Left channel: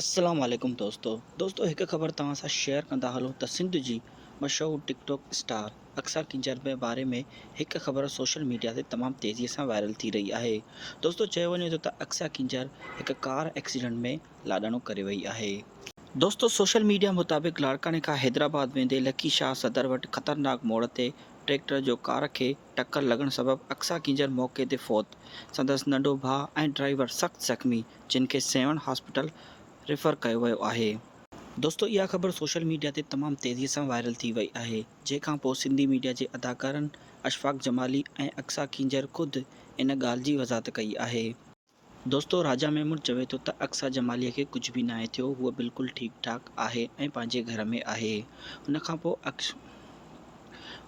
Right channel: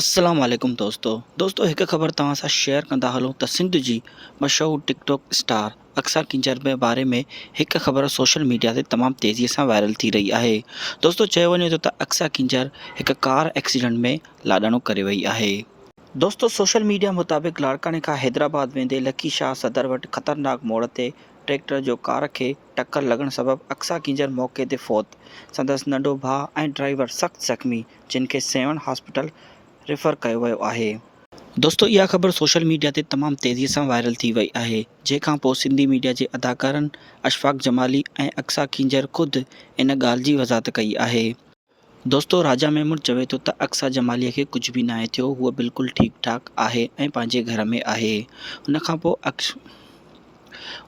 अस्सलाम वालेकुम दोस्तों हिकु ख़बर तव्हां सां शेयर कंदा हलूं त सिंध जी मशहूरु टिकटॉक स्टार अक्सा किंजर जे बारे में हिकु ख़बर सोशल मीडिया ते तमामु तेज़ीअ सां वायरल थी रही आहे। दोस्तों चयो वञे थो त अक्सा किंजर हिकु कार एक्सीडेंट में लाॾाणो करे वई आहे। दोस्तों सोशल मीडिया मुताबिक़ लाड़काने खां हैदराबाद वेंदे लकी शाह सदर वटि ख़तरनाक मोड़ ते ट्रैक्टर जो कार खे टक्कर लॻण सबबि अक्सा किंजर मौक़े ते फ़ौत, संदसि नंढो भाउ ऐं ड्राइवर सख़्तु ज़ख़्मी, जिन खे सेवन हॉस्पिटल रेफर कयो वियो आहे। दोस्तों इहा ख़बर सोशल मीडिया ते तमामु तेज़ीअ सां वायरल थी वई आहे, जंहिंखां पोइ सिंधी मीडिया जे अदाकारनि अशफ़ाक़ जमाली ऐं अक्सा किंजर ख़ुदि इन ॻाल्हि जी वज़ाहत कई आहे। दोस्तों राजा मेमून चवे थो त अक्सा जमालीअ खे कुझु बि नाहे थियो, हूअ बिल्कुलु ठीकु ठाकु आहे ऐं पंहिंजे घर में आहे।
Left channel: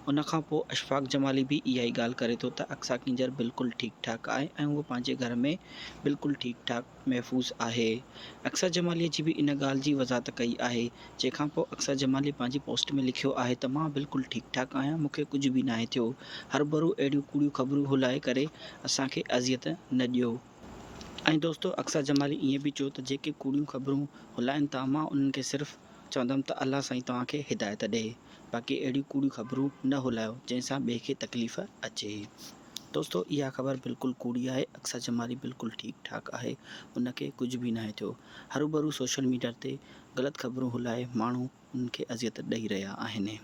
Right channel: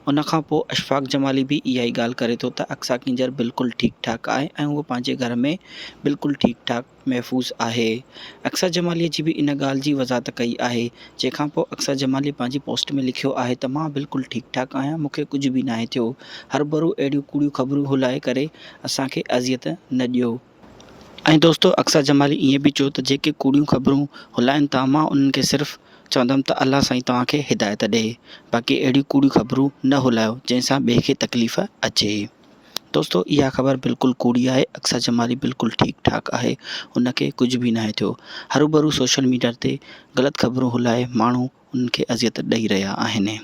उन खां पोइ अशफ़ाक़ जमाली बि इहा ई ॻाल्हि करे थो त अक्सा किंजर बिल्कुलु ठीकु ठाकु आहे ऐं उहो पंहिंजे घर में बिल्कुलु ठीकु ठाकु महफ़ूज़ आहे। अक्सा जमालीअ जी बि इन ॻाल्हि जी वज़ाहत कई आहे, जंहिंखां पोइ अक्सा जमालीअ पंहिंजी पोस्ट में लिखियो आहे त मां बिल्कुलु ठीकु ठाकु आहियां, मूंखे कुझु बि नाहे थियो, हरभरू अहिड़ियूं कूड़ियूं ख़बरूं हुलाए करे असांखे अज़ियत न ॾियो। ऐं दोस्तों अक्सा जमाली ईअं बि चयो त जेके कूड़ियूं ख़बरूं हुलाइनि था, मां उन्हनि खे सिर्फ़ु चवंदुमि त अल्लाह साईं तव्हांखे हिदायत ॾे, बाक़ी अहिड़ियूं कूड़ियूं ख़बरूं न हुलायो जंहिंसां ॿिए खे तकलीफ़ अचे। दोस्तों इहा ख़बर बिल्कुलु कूड़ी आहे, अक्सा जमाली बिल्कुलु ठीकु ठाकु आहे, उनखे कुझु बि नाहे थियो। हरूभरू सोशल मीडिया ते ग़लति ख़बरूं हुलाए माण्हू उन्हनि खे अज़ियत ॾेई रहिया आहिनि।